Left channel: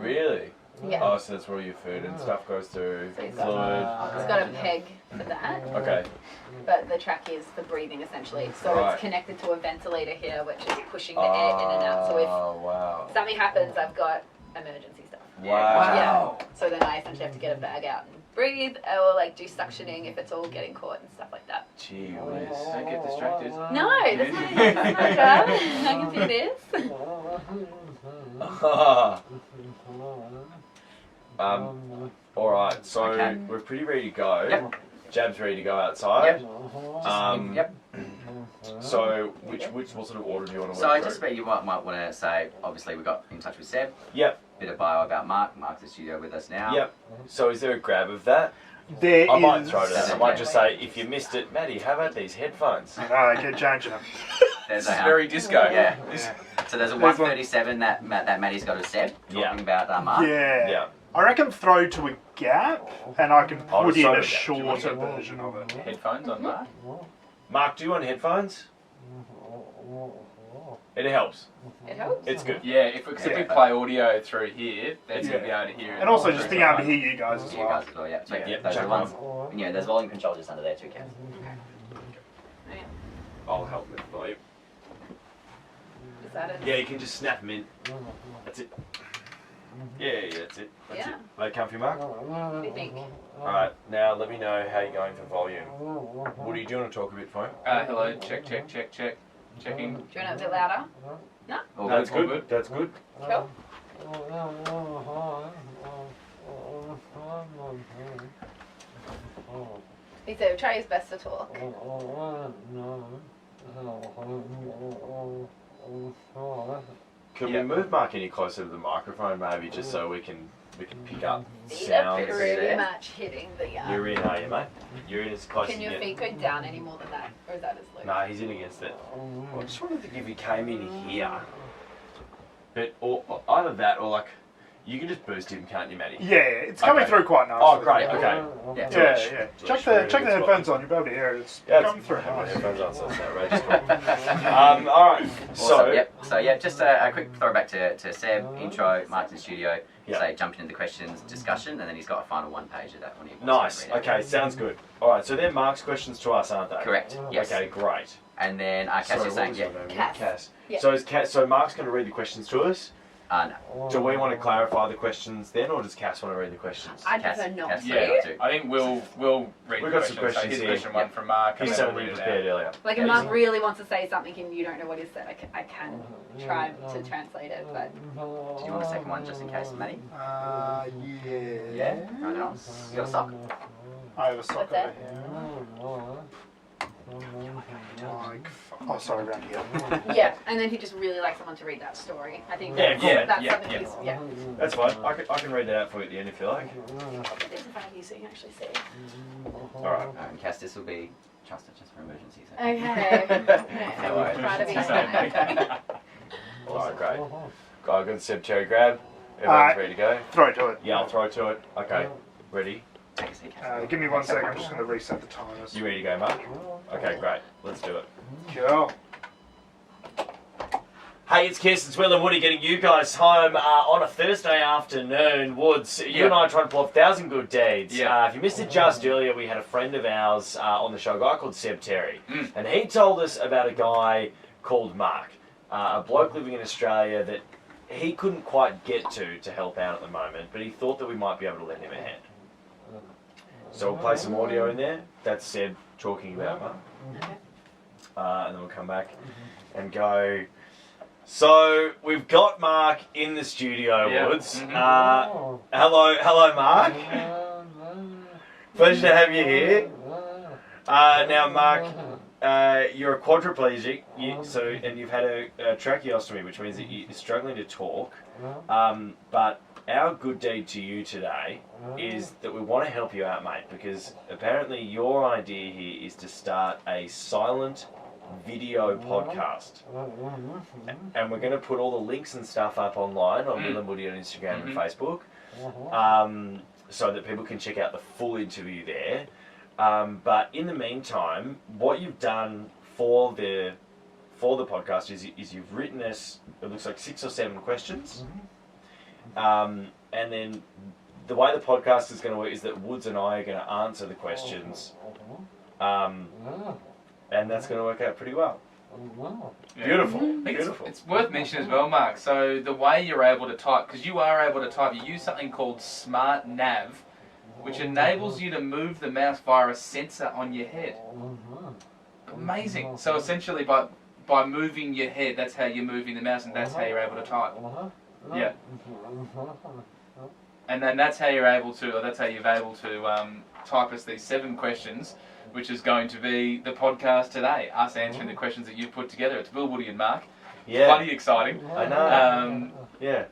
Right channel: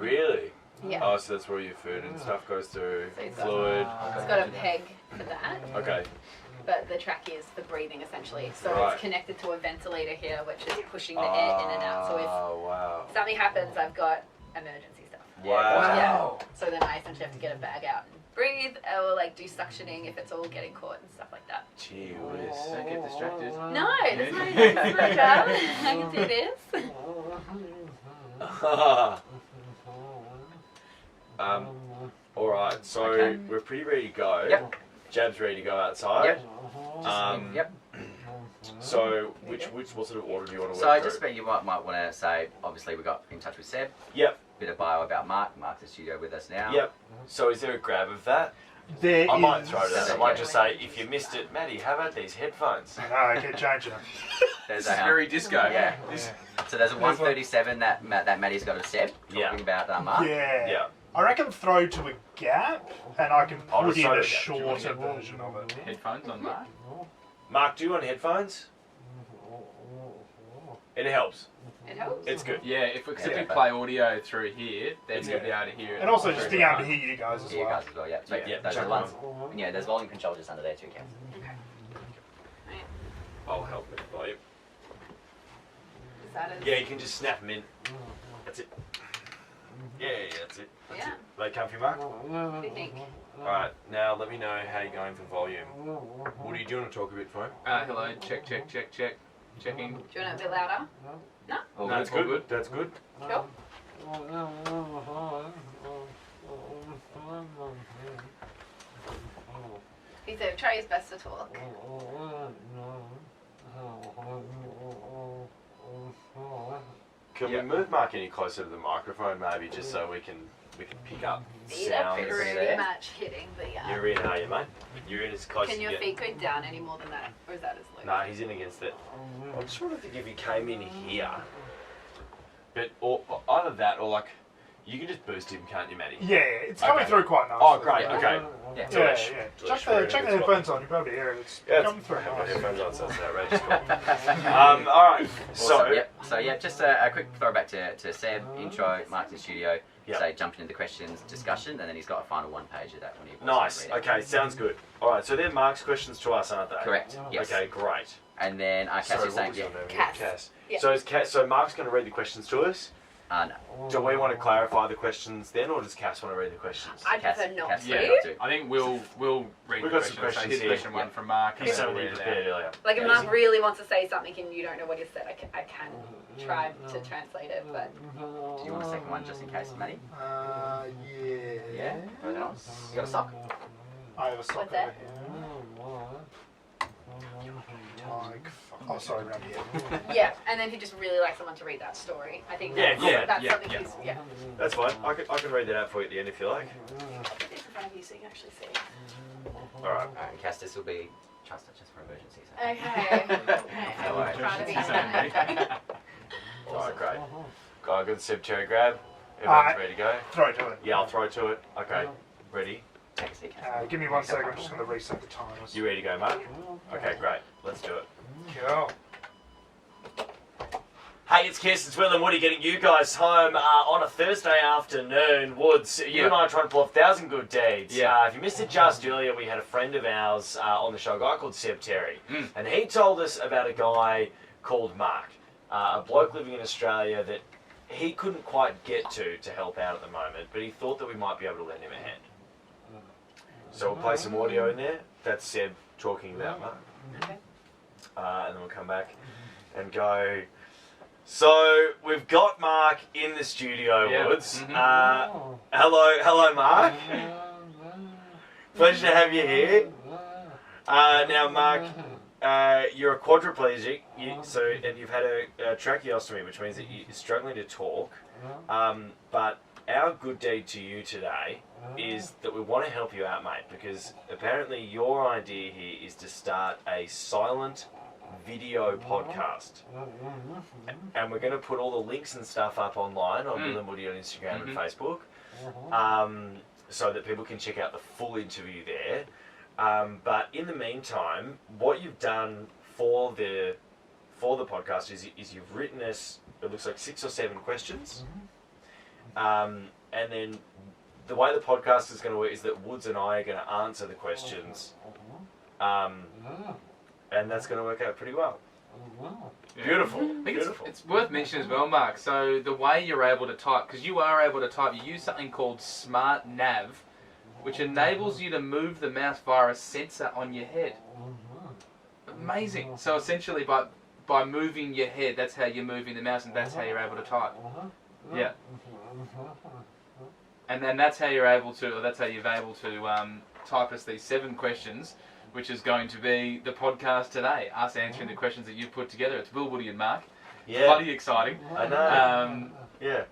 Really? Yeah. Oh, so that's where all your food and stuff goes through. So he's Fluid. got a peg for that. Okay. But the track is for breathing essentially. So Right. it's connected to a ventilator here, which is pushing the air in and out. So if wow. something happens, I've got emergency stuff. Wow. Yeah. So then I essentially have to get a bag out and breathe, or like do suctioning if it's all getting caught and stuff like that. Gee whiz. Don't get distracted. No, that's my job. I can do this. All right. So Okay. we're pretty ready to go. Yep. Jab's ready to go outside. Yep. Yep. So what sort of order do you want to So work just through? you might want to say, obviously we got in touch with Seb. Yep. Bit of bio about Mark. Mark's in the studio with us now. Yep. So is there a grab of that? There I might is- throw it out. I might just say, if you missed it, Maddie, how about these headphones? No, keep changing them. There's This is a very disco. yeah. Yeah. So there's a 137 that Maddie's got of Seb talking Yeah. about Mark. Yeah. Yeah. I reckon throw to a gap, and I can Oh, put in throw a to a gap. shorter version of it. Headphones on Mark. Mark, do you want headphones? It helps. It helps. It's good. Yeah, if we play audio through here, then you'll be able to hear it. And also just being able to hear you guys as You well. guys as well, yeah. So, Yeah, those check are the ones. And, yeah, there's volume control just under there too, Kev. I'll help with the volume. Is that it? Yeah, you can just snap them in. That's it. Yeah, that's it. That's Yeah. it. They comfy, Mark? What do you think? Alright, now let me know how you're going for volume. Woody, do you want to talk a bit for him? Hello, check. Checking. Do you want it a bit louder? All That's all good. good. That's good. Cool. He said try his best to talk. Can we move Mark any closer to the microphone, maybe, just so we can pick up See, sounds? that's pretty much hitting the. You're in, are you, mate? You're in as close Can as your you feet get. go down any more than that, or is that as low? No, he's in against it. I just wanted to think if he came in here, but or either that or like, you can just boost him, can't you, Matty? Yeah, it's coming Okay. through quite nicely. Oh, great. Okay. Yeah. Yeah, Delish. yeah. Delish. Check the headphones on. You'll be able to hear it. It's Yeah, coming through I have my nice. headphones on, so it's outrageous. All right. Awesome. So So yeah, just a quick throwback to Seb, intro, Mark's in studio, Yeah. say jumping into the questions, discussion, and then he's got a final one page of that one. nice. Okay, sounds good. All right. So they're Mark's questions to us, aren't they? Correct. Yes. Okay, great. And then Cass Sorry, was what saying, was yeah. your name? Cass. Cass. Yeah. So Mark's going to read the questions to us. No. Do we want to clarify the questions then, or does Cass want to read the questions? I Cass- prefer not Cass- to. Yeah, not to. I think we'll read We've the got some questions. So questions here's here. question one from Mark. and He's then something we'll you read it prepared out. earlier. Like if Yeah, Mark really wants to say something and you don't know what he said, I can try to translate it, but Do you want a second one just in case, Matty? Yeah. Yeah? Throw that on. You got a sock? I have a sock What's that? over here. Like, oh, sorry, around here. yeah. And then he just really likes someone to read that story. I think Yeah, that's, yeah, that's yeah, something yeah. he's yeah. That's fine. I can read that out for you at the end if you like. Put this in front of you so you can actually see. All right. Alright, and Cass, this will be just for emergencies. Okay. No worries. Try to be All right, great. Got a good Seb Cherry grab. Everyone's Alright. ready to go. Throw to it. Yeah, I'll throw to it. Okay. Ready? Take a seat, Cass. Give me 1 second. I'm just going to reset the timers. You ready to go, Mark? Okay, great. Let's do it. Cool. Hey, it's KIIS, it's Will and Woody getting you guys home on a Thursday afternoon. Woods, you and I are trying to pull off 1,000 good deeds. Yeah. If you missed it just earlier, we had a friend of ours on the show, a guy called Seb Terry. Mm. And he told us about a guy called Mark, a bloke living in Australia that he couldn't quite get to help out at the moment, but he thought that we might be able to lend him a hand. So we'll play some audio in there. That's Seb talking about Mark. Okay. And then we'll come back and go... So we've got Mark in the studio, Yeah. Woods. Mhm. Hello, Mark. Pleasure to have you here. Now, Mark, you're a quadriplegic, and you've had a tracheostomy, which means that you're struggling to talk. But our good deed to you today is that we want to help you out, mate, because apparently your idea here is to start a silent video podcast, and we're going to put all the links and stuff up online on Will and Woody on Instagram and Facebook, so that people can check out the full interview there. But in the meantime, what you've done for the podcast is you've written us, it looks like 6 or 7 questions, And then the way the podcast is going to work is that Woods and I are going to answer the questions. And that's going to work out pretty well. Yeah. Beautiful. I think Beautiful. it's worth mentioning as well, Mark. So the way you're able to type, because you are able to type, you use something called Smart Nav, which enables you to move the mouse via a sensor on your head. Amazing. So essentially, by moving your head, that's how you're moving the mouse, and that's how you're able to type. Yeah. And then that's how you're able to, or that's how you're able to type us these 7 questions, which is going to be the podcast today. Us answering the questions that you've put together. It's Will, Woody, and Mark. Yeah. Bloody exciting. I know. Yeah.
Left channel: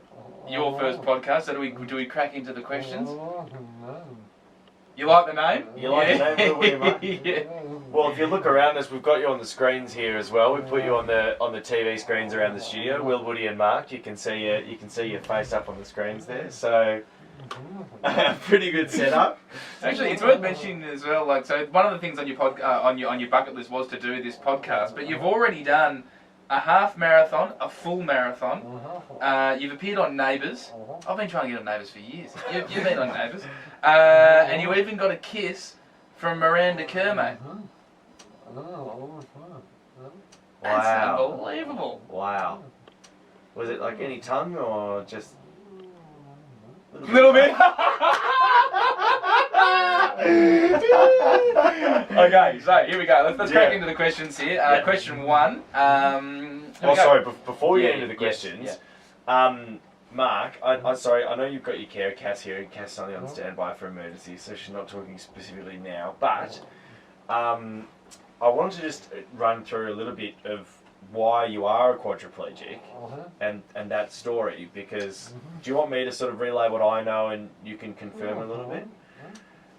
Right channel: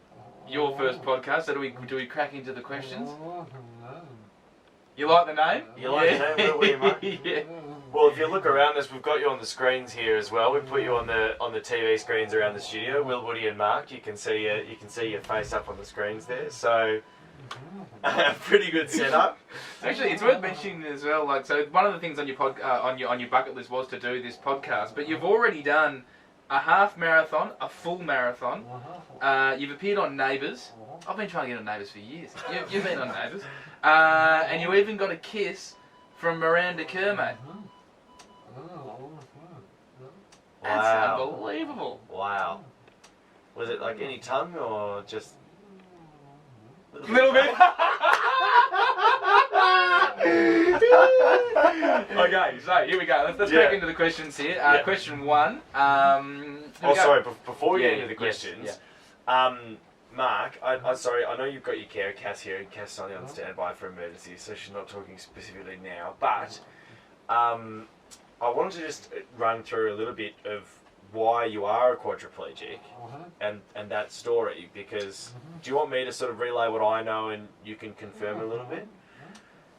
Your first podcast. So do we crack into the questions? You like the name? You like the name, Will, Woody, and Mark? Yeah. Well, if you look around us, we've got you on the screens here as well. We've put you on the TV screens around the studio. Will, Woody, and Mark. You can see your face up on the screens there. So, pretty good setup. Actually, it's worth mentioning as well. Like, so one of the things on your on your bucket list was to do this podcast, but you've already done a half marathon, a full marathon. You've appeared on Neighbours. I've been trying to get on Neighbours for years. You've been on Neighbours, and you even got a kiss from Miranda Kerr, mate. That's Wow. unbelievable. Wow. Was it like any tongue or just? Little bit. Okay, so here we go. Let's crack into the questions here. Question 1. Sorry. Before we get into the yes, questions, Mark, sorry. I know you've got your carer, Cass, here, and Cass is only on standby for emergency, so she's not talking specifically now. But I wanted to just run through a little bit of why you are a quadriplegic and that story, because do you want me to sort of relay what I know and you can confirm a little bit?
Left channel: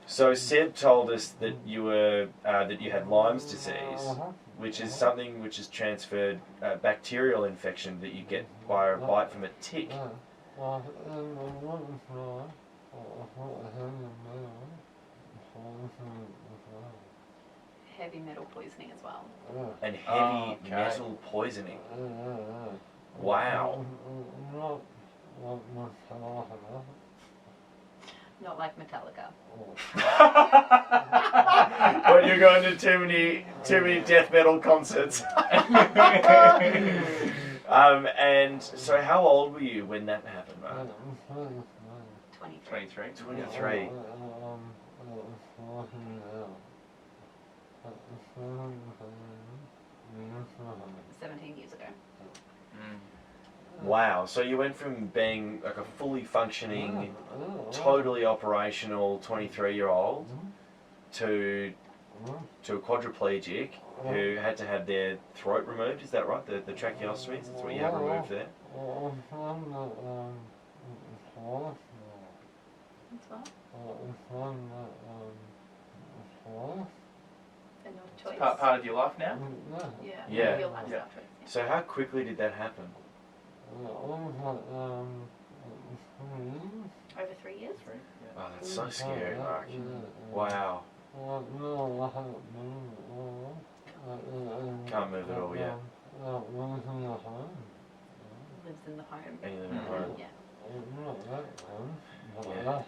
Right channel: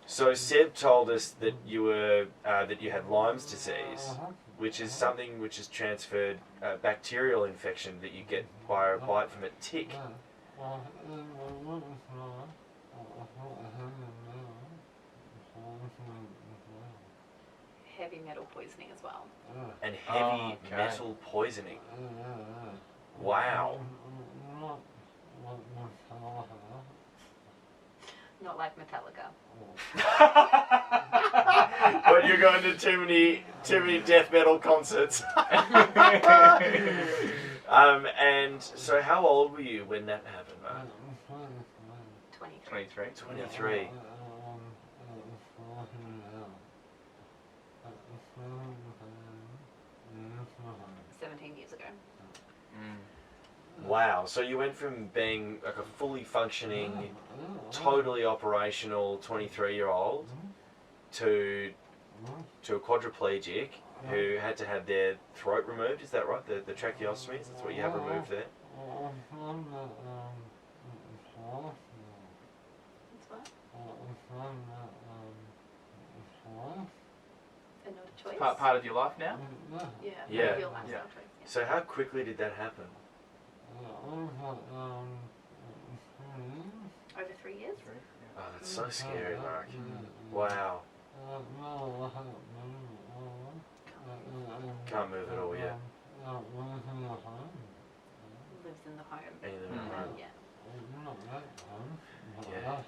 So Seb told us that you were that you had Lyme's disease, which is something which is transferred bacterial infection that you get by a bite from a tick. Heavy metal poisoning as well. And heavy metal poisoning. Wow. Not like Metallica. But you're going to too many death metal concerts. And so how old were you when that happened, Mark? 23. 23. Mm. 17 years ago. Wow. So you went from being like a fully functioning, totally operational 23-year-old to a quadriplegic who had to have their throat removed. Is that right? The tracheostomy. That's what you have removed there. That's what? And not a choice. Part of your life now? Yeah. Yeah. Real lifestyle choice. Yeah. So how quickly did that happen? Over 3 years. Oh, that's so scary, Mark. Wow. Can't move at all yet. Lives in the home. And you live in the home. Yeah. Yeah.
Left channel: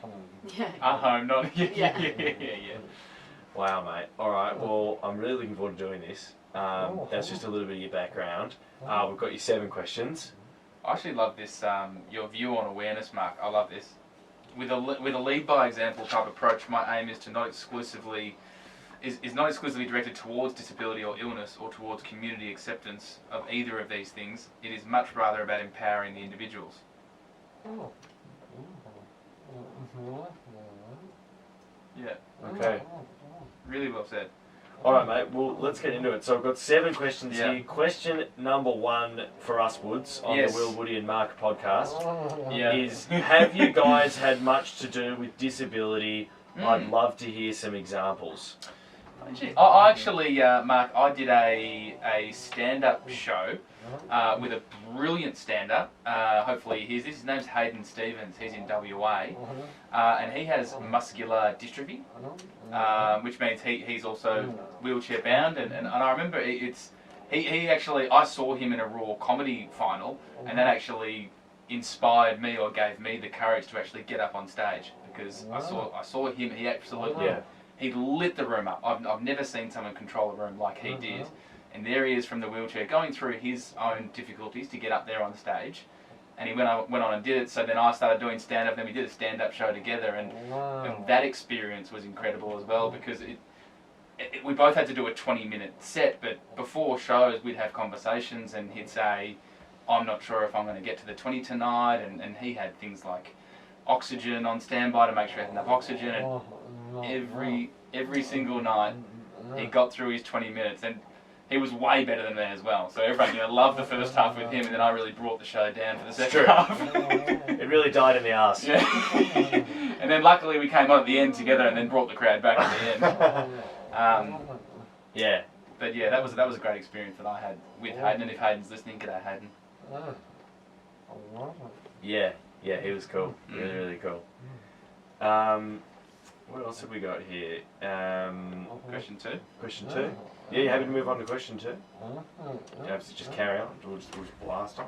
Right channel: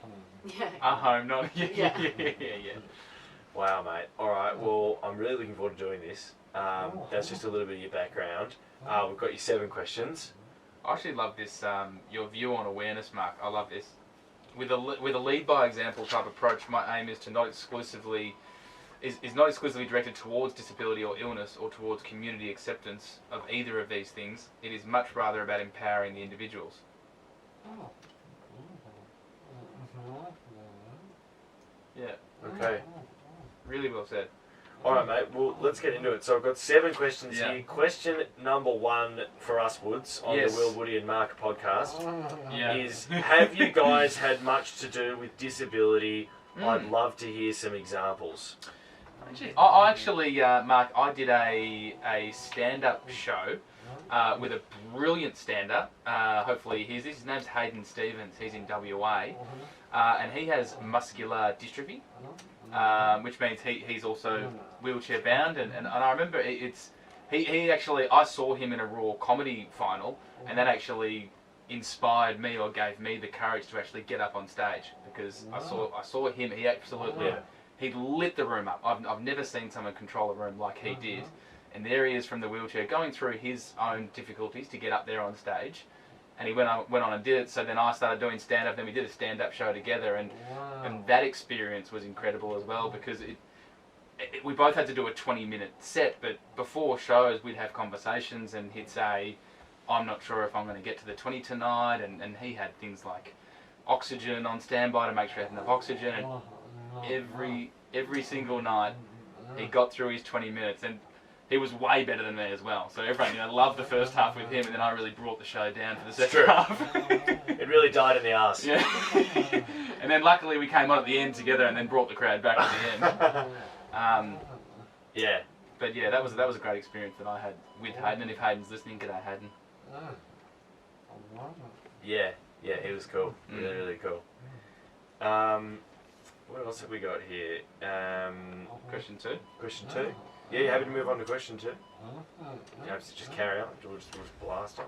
Yeah. Home, not Yeah. yeah. Wow, mate. All right. Well, I'm really looking forward to doing this. That's just a little bit of your background. We've got your 7 questions. I actually love this. Your view on awareness, Mark. I love this. With a lead by example type approach, my aim is to not exclusively directed towards disability or illness or towards community acceptance of either of these things. It is much rather about empowering the individuals. Yeah, Okay. really well said. All right, mate. Well, let's get into it. So I've got 7 questions Yeah. here. Question number 1 for us, Woods, on Yes. the Will, Woody and Mark podcast Yeah. is, have you guys had much to do with disability? I'd love to hear some examples. I actually, Mark, I did a stand-up show with a brilliant stand-up. Hopefully he hears this. His name's Hayden Stevens. He's in WA. And he has muscular dystrophy, which means he's also wheelchair bound. And I remember he actually, I saw him in a Raw comedy final, and that actually inspired me or gave me the courage to actually get up on stage, because I saw him. He absolutely he lit the room up. I've never seen someone control a room like he did. And there he is from the wheelchair, going through his own difficulties to get up there on stage. And he went on and did it. So then I started doing stand-up. Then we did a stand-up show together, and that experience was incredible as well, because we both had to do a 20-minute set. But before shows, we'd have conversations, and he'd say, "I'm not sure if I'm going to get to the 20 tonight," and he had things like oxygen on standby to make sure he had enough oxygen. And every single night, he got through his 20 minutes, and he was way better than me as well. So everyone, loved the first half with him, and then I really brought the show down for the second half. It really died in the arse. Yeah. And then luckily we came on at the end together, and then brought the crowd back at the end. Yeah. But yeah, that was a great experience that I had with Hayden. And if Hayden's listening, g'day Hayden. Yeah, he was cool. Really, really cool. What else have we got here? Question 2. Question 2. Yeah, you happy to move on to question 2? You have to just carry on. We'll just blast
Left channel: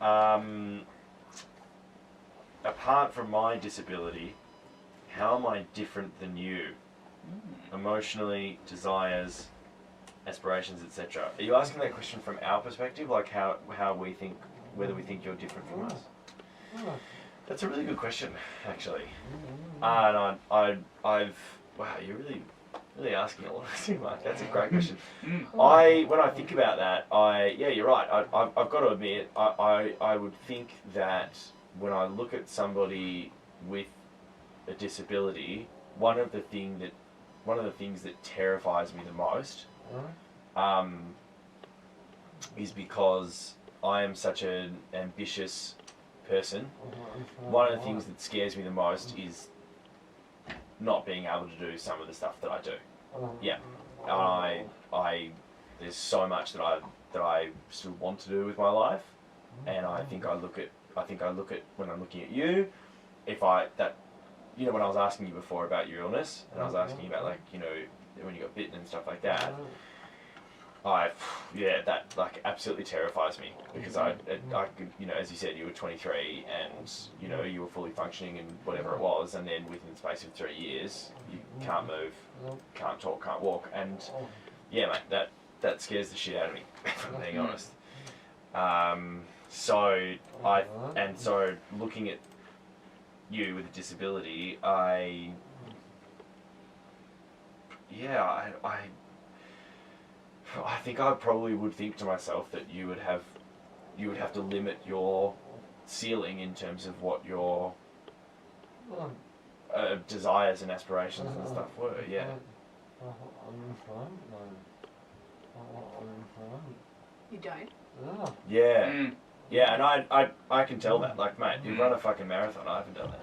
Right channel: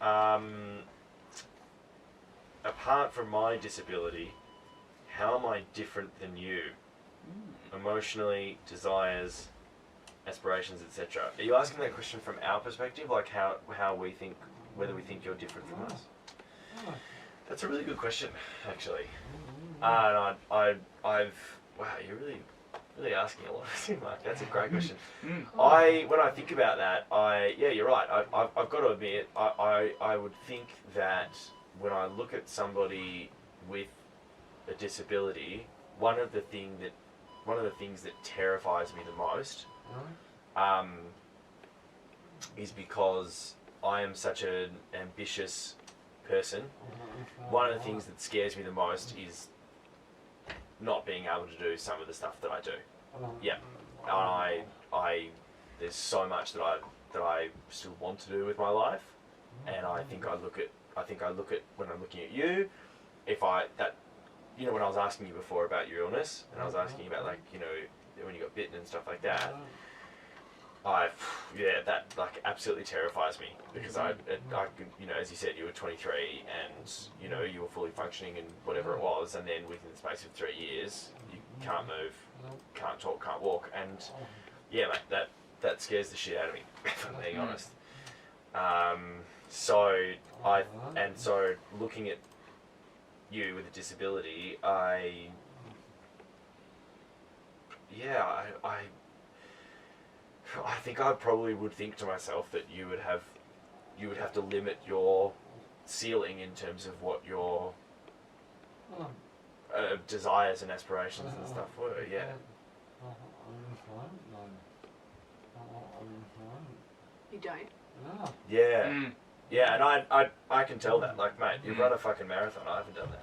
on. Apart from my disability, how am I different than you? Emotionally, desires, aspirations, etc. Are you asking that question from our perspective, like how we think, whether we think you're different from us? That's a really good question, actually. And I've wow, you're really asking a lot of things, Mike. That's a great question. When I think about that, you're right. I've got to admit, I would think that when I look at somebody with a disability, one of the things that terrifies me the most, is because I am such an ambitious person. One of the things that scares me the most is not being able to do some of the stuff that I do. Yeah, there's so much that I still want to do with my life, and I think I look at when I'm looking at you, when I was asking you before about your illness, and I was asking you about when you got bitten and stuff like that. That absolutely terrifies me, because I could, as you said, you were 23 and you were fully functioning and whatever it was, and then within the space of 3 years you can't move, can't talk, can't walk, and yeah, mate, that scares the shit out of me, if I'm being honest. So looking at you with a disability, I think I probably would think to myself that you would have to limit your ceiling in terms of what your desires and aspirations and stuff were. Yeah. You don't? Yeah. Yeah, and I can tell that. Like, mate, you've run a fucking marathon. I haven't done that.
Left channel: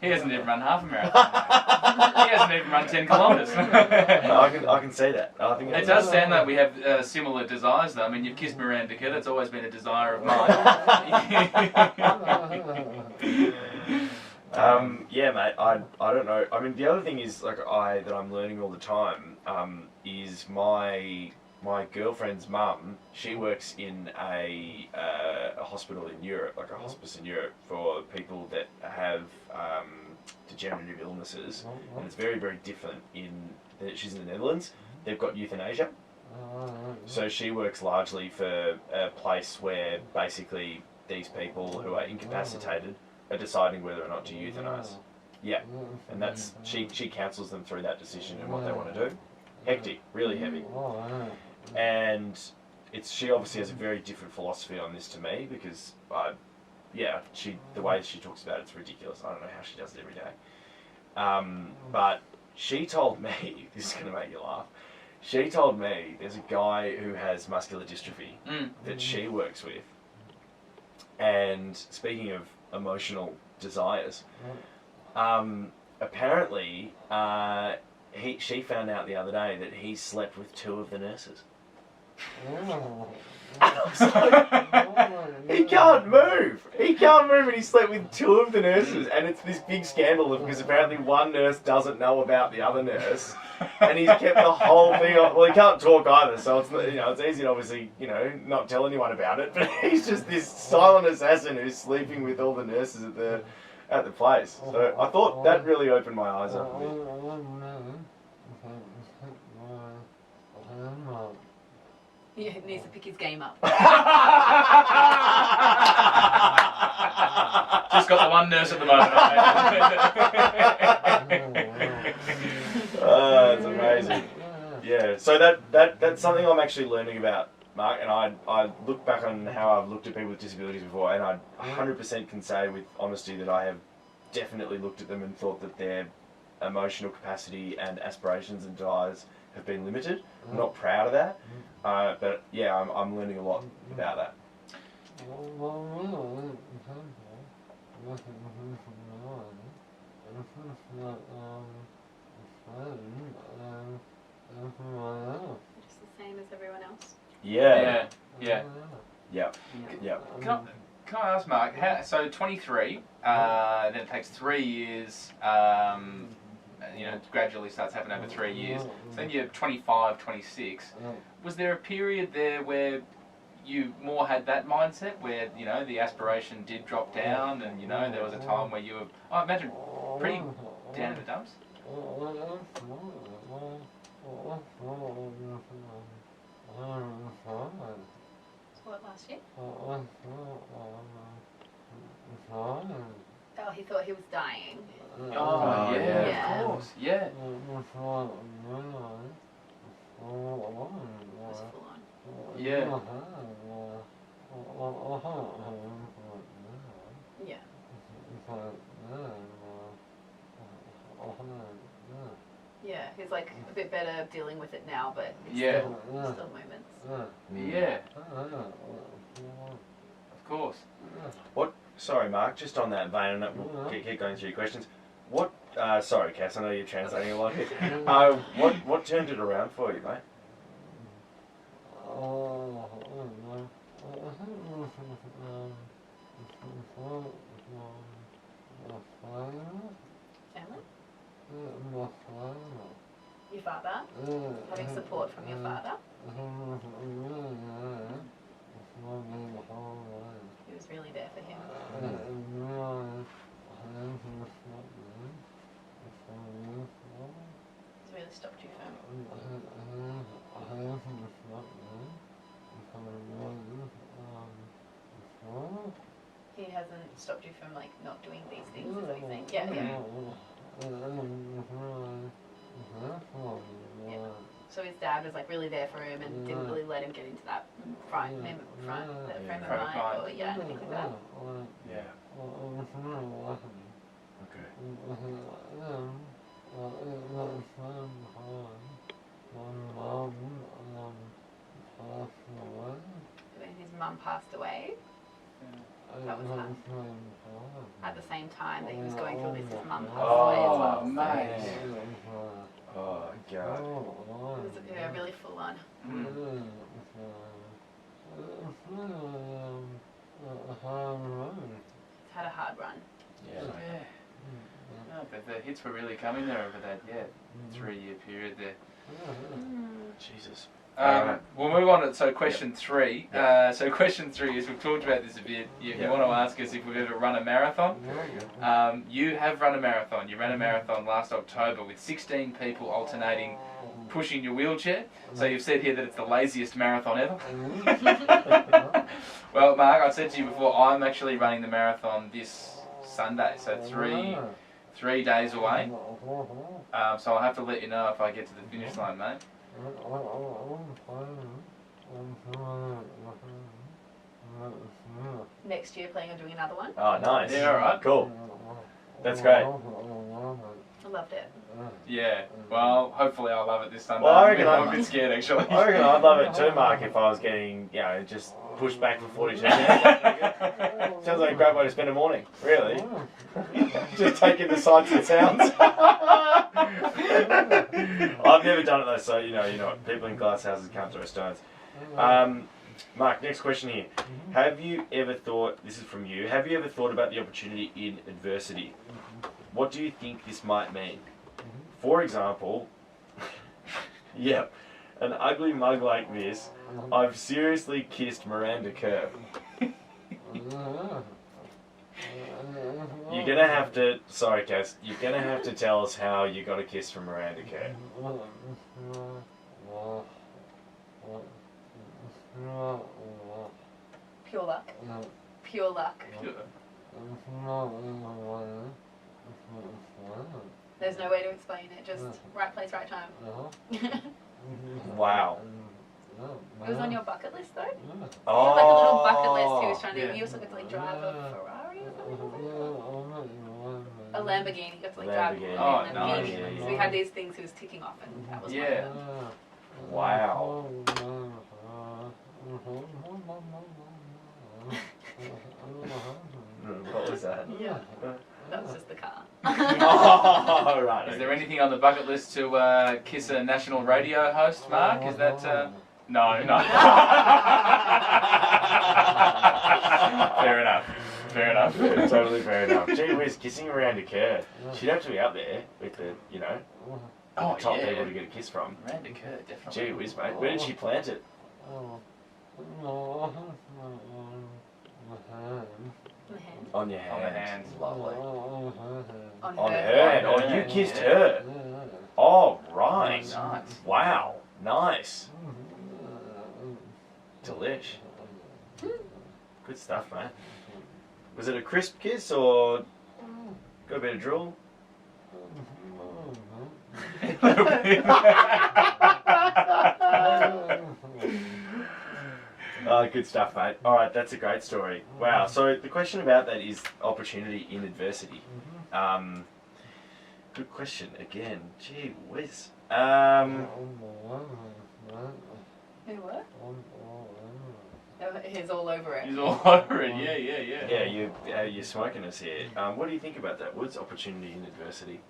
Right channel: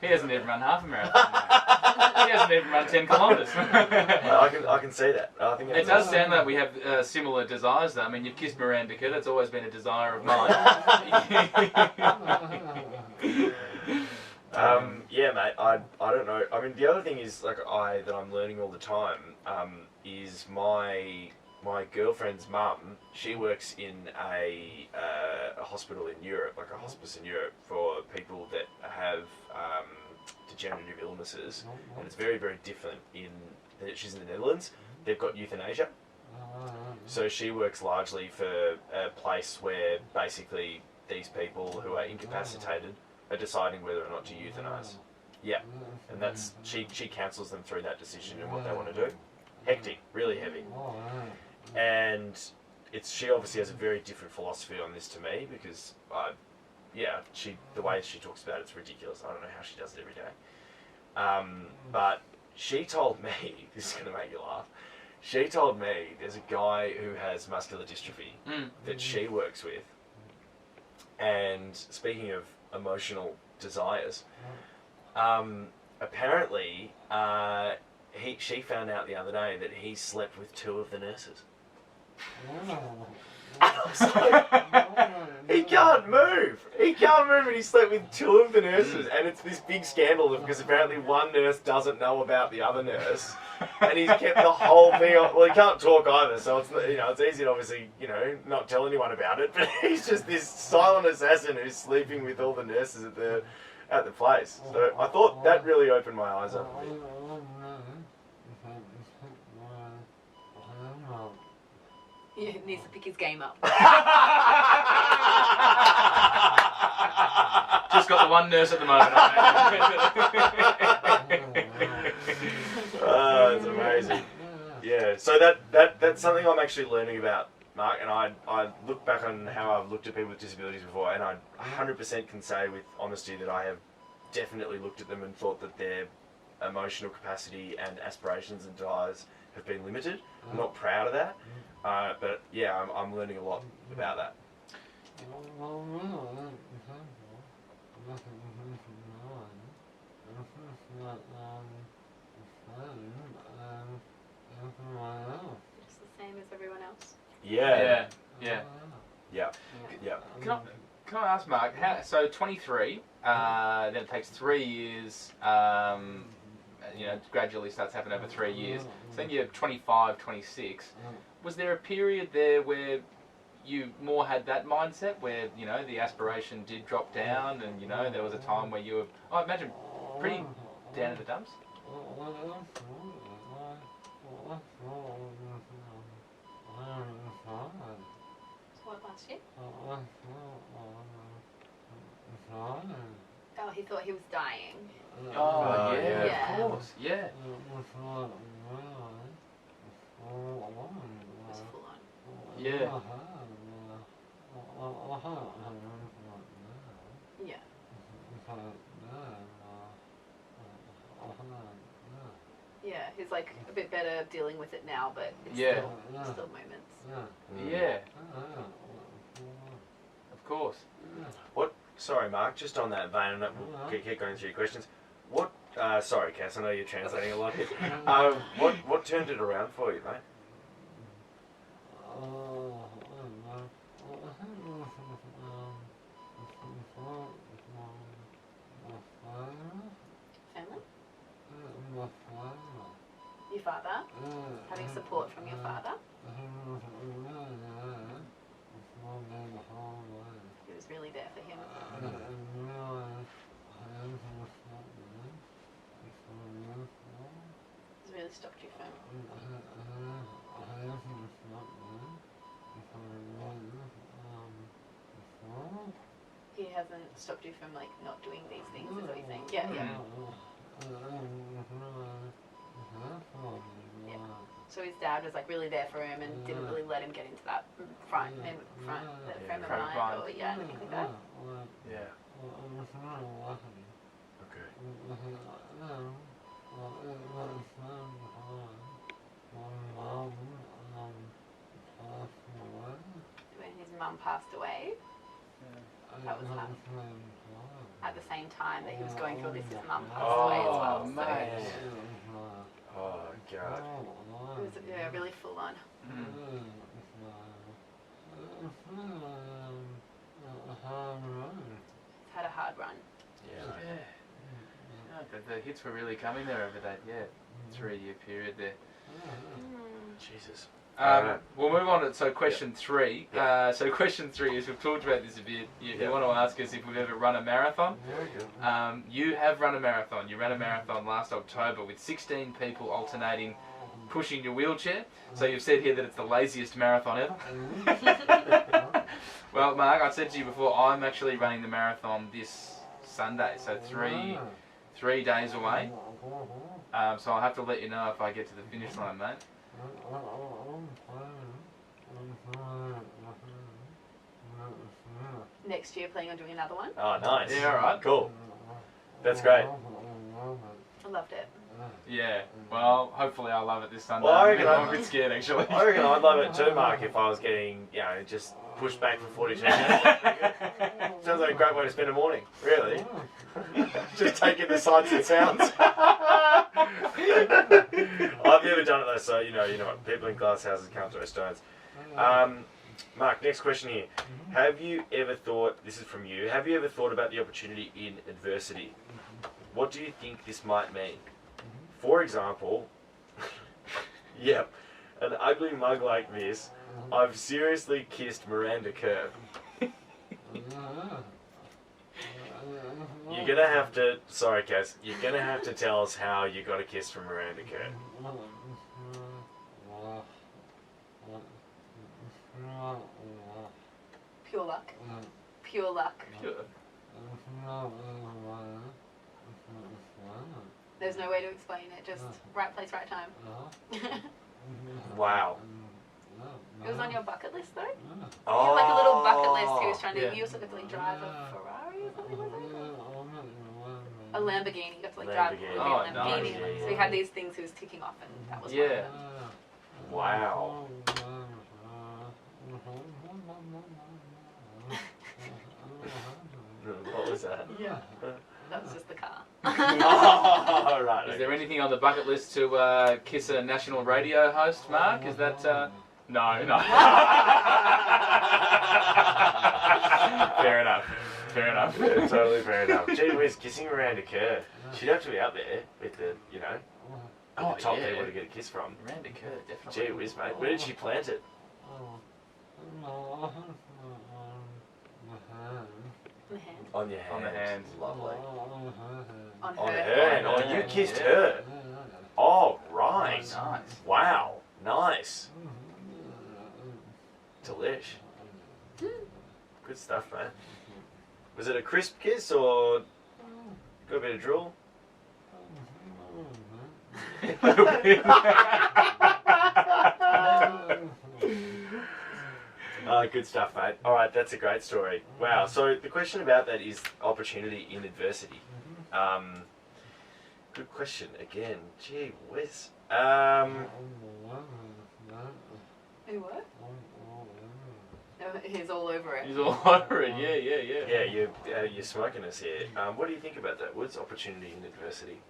He hasn't even run half a marathon, mate. He hasn't even run 10 kilometres. I can see that. I think it does sound like we have similar desires, though. I mean, you've kissed Miranda, that's always been a desire of mine. Yeah, mate, I don't know. I mean, the other thing is, that I'm learning all the time, is my girlfriend's mum, she works in a hospital in Europe, like a hospice in Europe for people that have degenerative illnesses, and it's very, very different she's in the Netherlands. They've got euthanasia, so she works largely for a place where basically these people who are incapacitated are deciding whether or not to euthanize. Yeah, and that's she counsels them through that decision and what they want to do. Hectic, really heavy. And she obviously has a very different philosophy on this to me, because the way she talks about it's ridiculous. I don't know how she does it every day. But she told me, this is going to make you laugh, she told me there's a guy who has muscular dystrophy that she works with. And speaking of emotional desires, apparently she found out the other day that he slept with 2 of the nurses. And I was like, he can't move. He can't move, and he slept with two of the nurses, and it's this big scandal because apparently one nurse doesn't know about the other nurse, and he's kept the whole thing on. Well, he can't talk either, so it's it's easy to obviously not tell anyone about it. But he's just this silent assassin who's sleeping with all the nurses at the place. So I thought that really opened my eyes up a bit. He needs to pick his game up. Just got the one nurse at the moment. Oh, it's amazing. Yeah, so that's something I'm actually learning about, Mark, and I look back on how I've looked at people with disabilities before, and I 100% can say with honesty that I have definitely looked at them and thought that their emotional capacity and aspirations and desires have been limited. I'm not proud of that, but yeah, I'm learning a lot about that. Just the same as everyone else. Yeah. Yeah. Yeah. Can I ask, Mark, so 23, then it takes 3 years, gradually starts happening over 3 years. So then you're 25, 26. Was there a period there where you more had that mindset, where, the aspiration did drop down and, there was a time where you were, I imagine, pretty down in the dumps? What, last year? Oh, he thought he was dying. Oh, yeah, Yeah. of course, yeah. It was full on. Yeah. Yeah. Yeah, he's like a bit better dealing with it now, but it's Yeah. still moments. Yeah, of course. Sorry, Mark, just on that vein, and we'll keep going through your questions. What, sorry, Cass, I know you're translating a lot here. What turned it around for you, mate? Family? Your father? Having support from your father? He was really there for him. He's really stopped you from... He hasn't stopped you from not doing these things, is what you're saying? Yeah. So his dad was really there for him and didn't really let him get into that frame of mind or anything like that. Yeah. Okay. When his mum passed away, that was hard. At the same time that he was going through this, his mum passed away as well. Oh, mate. Oh, God. It was really full on. It's had a hard run. Yeah. No, but the hits were really coming there over that 3-year period there. Jesus. We'll move on to question 3. So question 3 is, we've talked about this a bit. You want to ask us if we've ever run a marathon. You have run a marathon. You ran a marathon last October with 16 people alternating pushing your wheelchair. So you've said here that it's the laziest marathon ever. Well, Mark, I said to you before, I'm actually running the marathon this Sunday. So 3 days away. So I'll have to let you know if I get to the finish line, mate. Next year, planning on doing another one. Oh, nice. Yeah, all right. Cool. That's great. I loved it. Yeah. Well, hopefully I'll love it this Sunday. Well, I reckon I'm a bit scared, actually. I reckon I'd love it too, Mark, if I was getting, just pushed back for 42 minutes. Sounds like a great way to spend a morning, really. Just taking the sights and sounds. I've never done it though, so you know what, people in glass houses can't throw stones. Mark, next question here. Have you ever thought, this is from you, have you ever thought about the opportunity in adversity? What do you think this might mean? For example, yeah, an ugly mug like this, I've seriously kissed Miranda Kerr. You're gonna have to, sorry Cass, you're gonna have to tell us how you got a kiss from Miranda Kerr. Pure luck. Pure luck. There's no way to explain it. Just right place, right time. Wow. It was on your bucket list though? Oh, You had like a little bucket list he was trying to, he was supposed to like drive a Ferrari or something like that? A Lamborghini, you got to like drive a Lamborghini. Lamborghini. Oh, nice. So we had these things he was ticking off and that was Yeah. wow. What was that? Yeah. That was just the car. Oh, right. Is there anything on the bucket list to kiss a national radio host, Mark? Is that... No, no. Fair enough. Fair enough. Totally fair enough. Gee whiz, kissing Miranda Kerr. She'd have to be up there with the, you know, Oh, the top yeah. people to get a kiss from. Miranda Kerr, definitely. Gee whiz, mate. Where did she plant it? The hand. On your hand. On the hand. Lovely. On On her. her hand. Oh, you kissed her. Oh, right. Nice. Wow. Nice. Delish. Good stuff, mate. Was it a crisp kiss or got a bit of drool? Good stuff, mate. All right, that's a great story. Wow. So the question about that is opportunity in adversity. Good question again. Gee whiz. Who what? He's all over it. He's all over it, yeah. Yeah, you're smoking us here. What do you think about that? What's opportunity in adversity?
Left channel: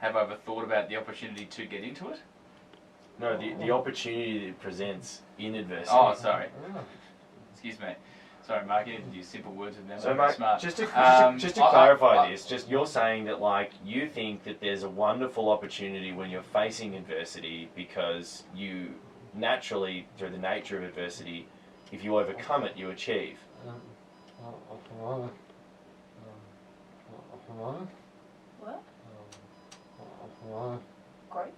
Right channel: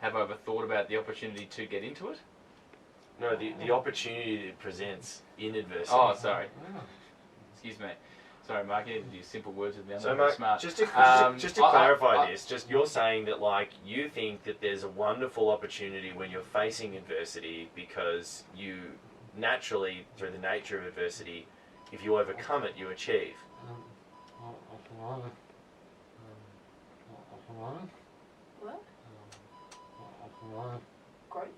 Have I ever thought about the opportunity to get into it? No, the opportunity that it presents in adversity. Oh, sorry. Excuse me. Sorry, Mark, you need to use simple words with them. So, I'm Mark, smart. just to I- clarify this, just you're saying that like you think that there's a wonderful opportunity when you're facing adversity because you naturally, through the nature of adversity, if you overcome it, you achieve. What? Growth?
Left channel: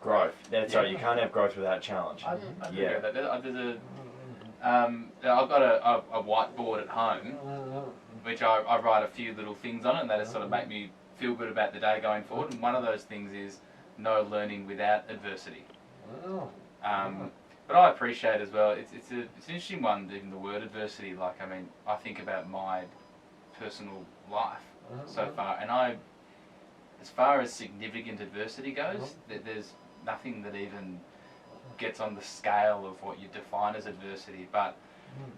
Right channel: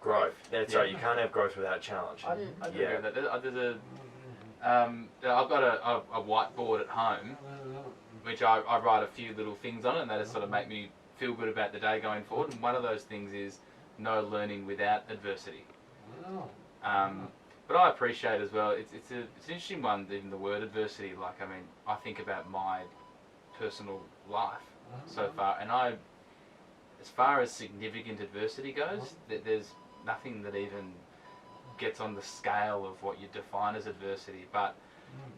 Growth. That's right. You can't have growth without challenge. I agree Yeah. with that. I've got a whiteboard at home, which I write a few little things on, and that sort of make me feel good about the day going forward. And one of those things is no learning without adversity. But I appreciate as well. It's an interesting one. Even the word adversity. Like, I mean, I think about my personal life so far, and as far as significant adversity goes, there's nothing that even gets on the scale of what you define as adversity. But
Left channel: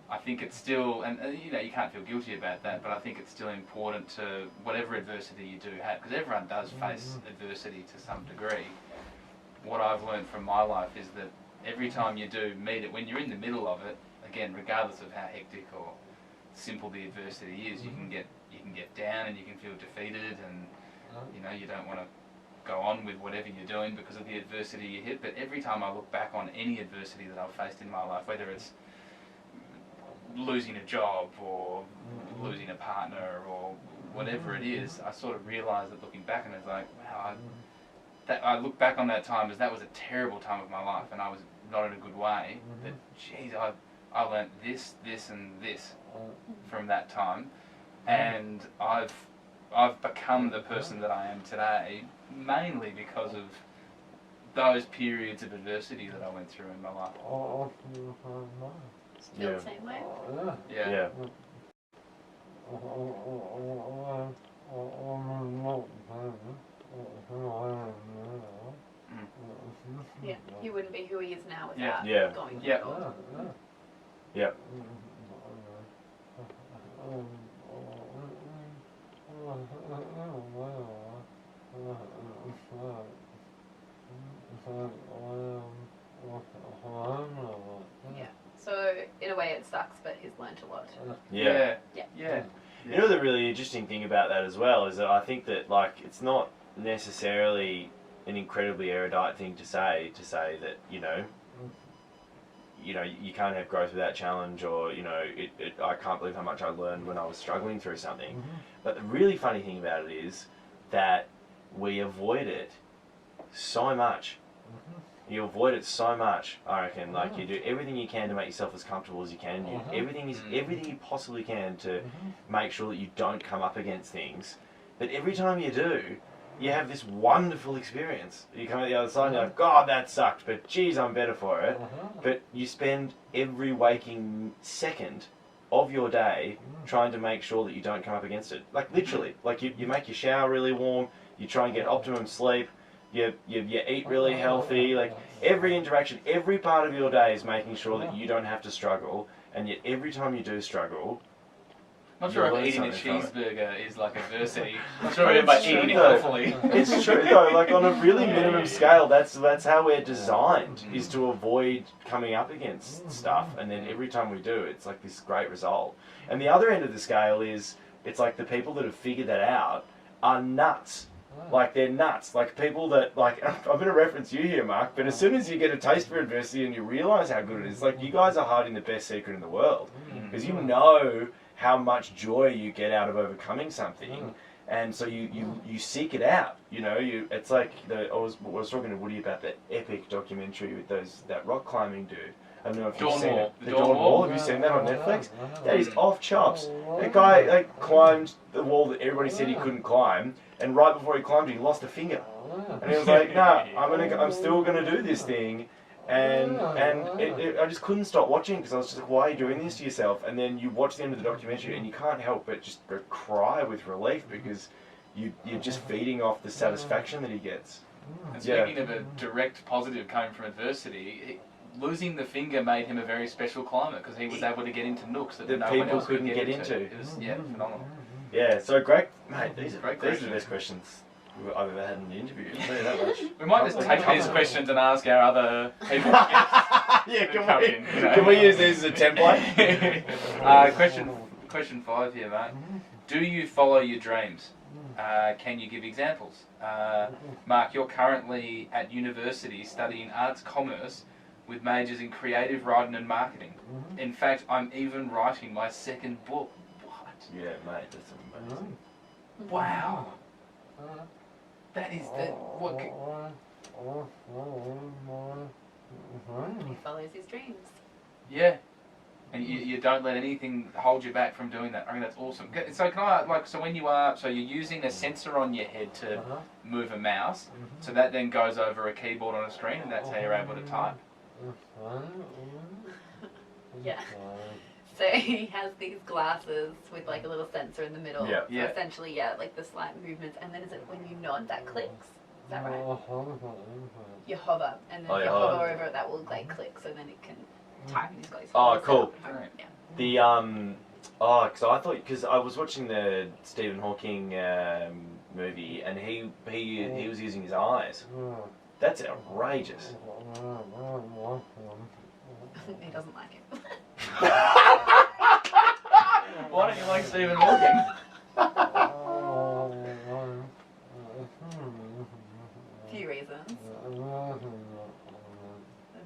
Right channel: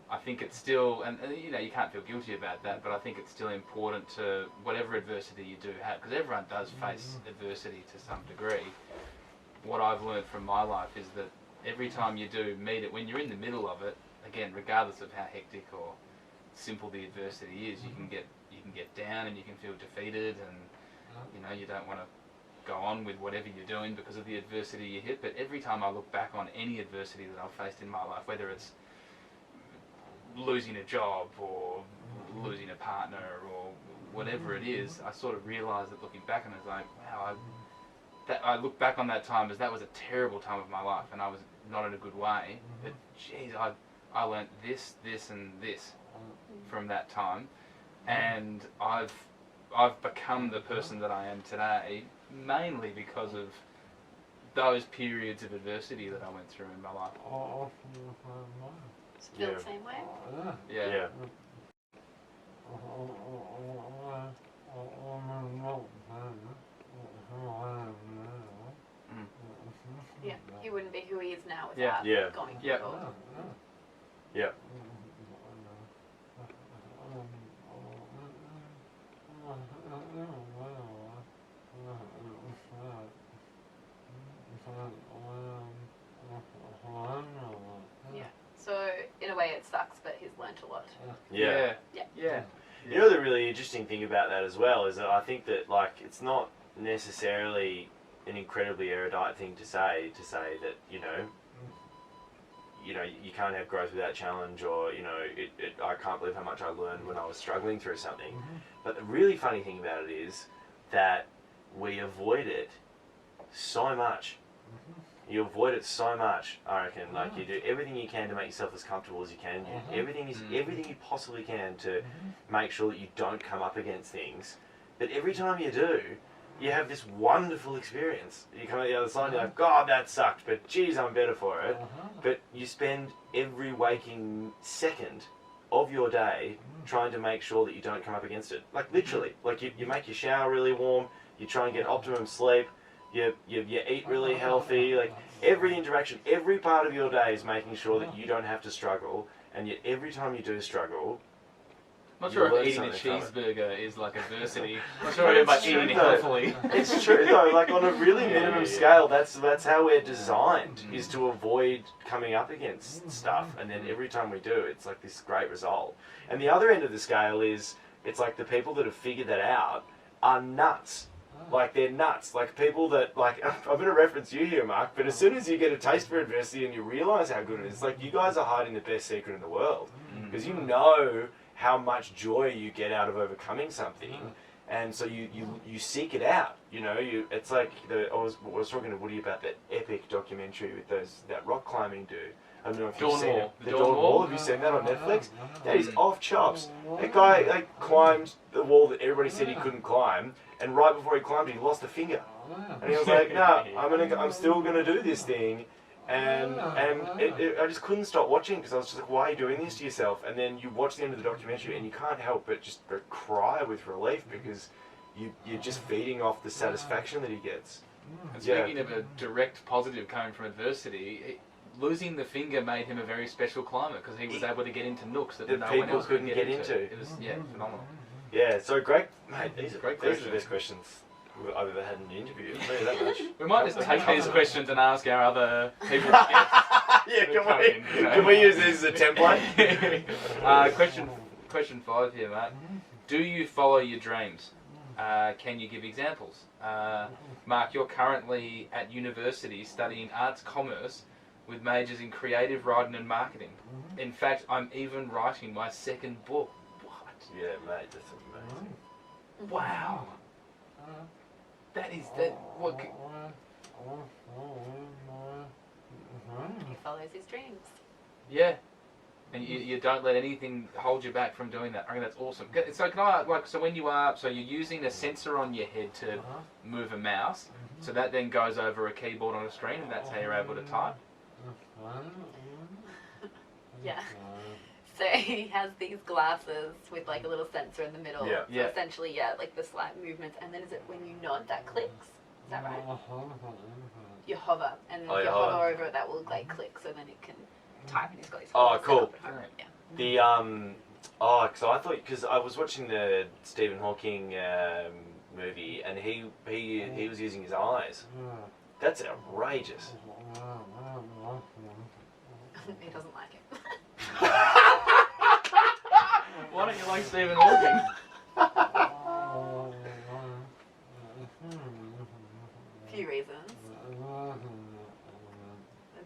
I think it's still, and you know, you can't feel guilty about that, but I think it's still important to, whatever adversity you do have, because everyone does face adversity to some degree. What I've learned from my life is that every time you do meet it, when you're in the middle of it, again, regardless of how hectic or simple the adversity is, you can get down and you can feel defeated, and you know, you don't want to go on with whatever you're doing because of the adversity you hit. But every time I look back on any adversity that I've faced in my life, whether it's losing a job or losing a partner or whatever it is, I sort of realise that looking back, and it's like, wow, I look back on that time as that was a terrible time of my life, and I was not in a good way. But geez, I learnt this, and this from that time, and I've become the person that I am today mainly because of those periods of adversity that I went through in my life. Feel the same way? Yeah. Yeah. He wouldn't be who he is now without Yeah. going Yeah. through it. Yeah. Yeah. Yeah. You know, the really interesting thing about that as well is that I think that, like, it's not necessarily an incredibly erudite thing to say that, you know, you can't have growth without challenge, or, you know, I can't believe how much I learned when I was struggling through something. But the really funny thing about it is that we avoid it so much. You avoid it so much, I reckon. Like, you do everything you can to make yourself as comfortable as you can. You everything you possibly can to make sure that you don't come up against things. But every time you do, you have this wonderful experience. You come out the other side and you're like, God, that sucked, but geez, I'm better for it. But you spend every waking second of your day trying to make sure that you don't come up against it. Like, literally. Like, you make your shower really warm, you try and get optimum sleep, you eat really healthy. Like, every interaction, every part of your day is making sure that you don't have to struggle, and yet every time you do struggle, Not sure if eating a cheeseburger is like adversity. Not sure if eating it healthily. It's true though, like on a really minimum scale, that's how we're designed, is to avoid coming up against stuff, and then every time we do, it's like this great result. And the other end of the scale is, it's like the people that have figured that out are nuts. Like, they're nuts. Like, people that, like, I'm going to reference you here, Mark, but as soon as you get a taste for adversity and you realise how good it is, like, you guys are hiding the best secret in the world. Because you know how much joy you get out of overcoming something, and so you seek it out. You know, it's like, I was talking to Woody about that epic documentary with that rock climbing dude. I don't know if you've seen it. The Dawn Wall. Have you seen that on Netflix? That is off chops. That guy, like, climbed the wall that everybody said he couldn't climb, and right before he climbed, he lost a finger. And he was like, "Nah, I'm still gonna do this thing." And I just couldn't stop watching, because I was just like, "Why are you doing this to yourself?" And then you watch the end of the documentary, and you can't help but just cry with relief, because you're just feeding off the satisfaction that he gets. And speaking of a direct positive coming from adversity, losing the finger made him a very special climber, because he was able to get into nooks that no one else couldn't get into. It was phenomenal. Yeah, so great, mate. These are Great the best questions I've ever had in an interview. I'll tell you that much. We might just take these questions and ask our other people. Can we use these as a template? Question 5 here, mate. Do you follow your dreams? Can you give examples? Mark, you're currently at university studying arts commerce with majors in creative writing and marketing. In fact, I'm even writing my second book. What? Yeah, mate, that's amazing. Wow. That is that. What? He follows his dreams. Yeah. And you don't let anything hold you back from doing that. I mean, that's awesome. So can I, like, so when you're using a sensor on your head to move a mouse, so that then goes over a keyboard on a screen, and that's how you're able to type? Yeah. So he has these glasses with like a little sensor in the middle. Yeah. So essentially, like the slight movements, and then is it when you nod that clicks? Is that right? You hover, and then if you hover over it, that will like click, so then it can type, and he's got his fingers cool. up and hover. Yeah. So I thought, because I was watching the Stephen Hawking movie, and he was using his eyes. That's outrageous. He doesn't like it. Why don't you like Stephen Hawking? Few reasons.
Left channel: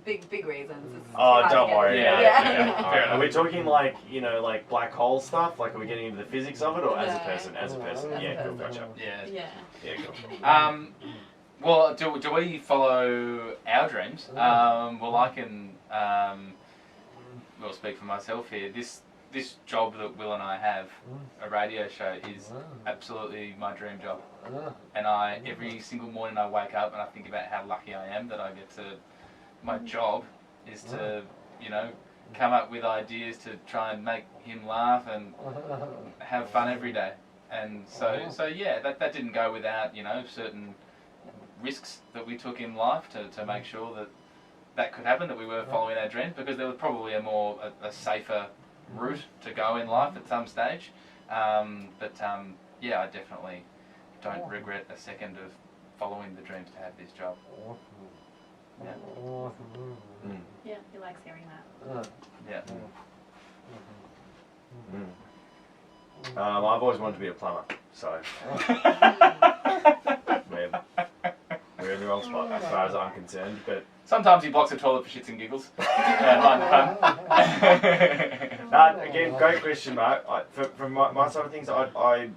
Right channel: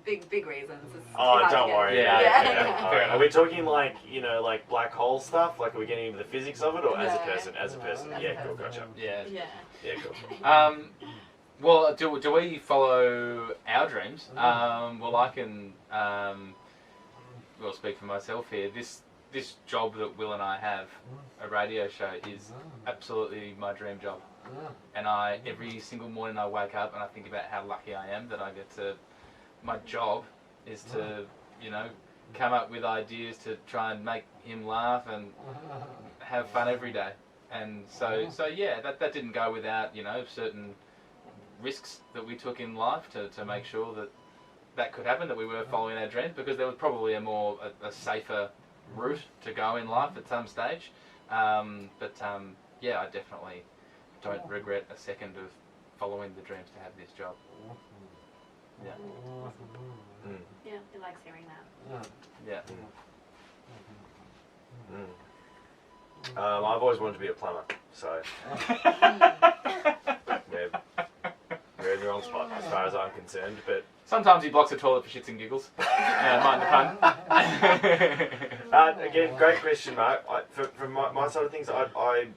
Big reasons. It's Don't worry. Yeah. Alright. Are we talking like, like black hole stuff? Like, are we getting into the physics of it, or as a person? As a person. Yeah, cool, gotcha. Yeah. Yeah. Cool. Well, do we follow our dreams? Well, I can speak for myself here. This job that Will and I have, a radio show, is absolutely my dream job. And every single morning I wake up and I think about how lucky I am that I get to. My job is to, come up with ideas to try and make him laugh and have fun every day. And so yeah, that didn't go without, certain risks that we took in life to make sure that could happen, that we were following our dreams, because there was probably a safer route to go in life at some stage. Yeah, I definitely don't regret a second of following the dreams to have this job. Yeah. Yeah, he likes hearing that. Yeah. I've always wanted to be a plumber, so we're in the wrong spot as far as I'm concerned. But Sometimes he blocks a toilet for shits and giggles. Mind the fun. again, great question, Mark. From my side of things, I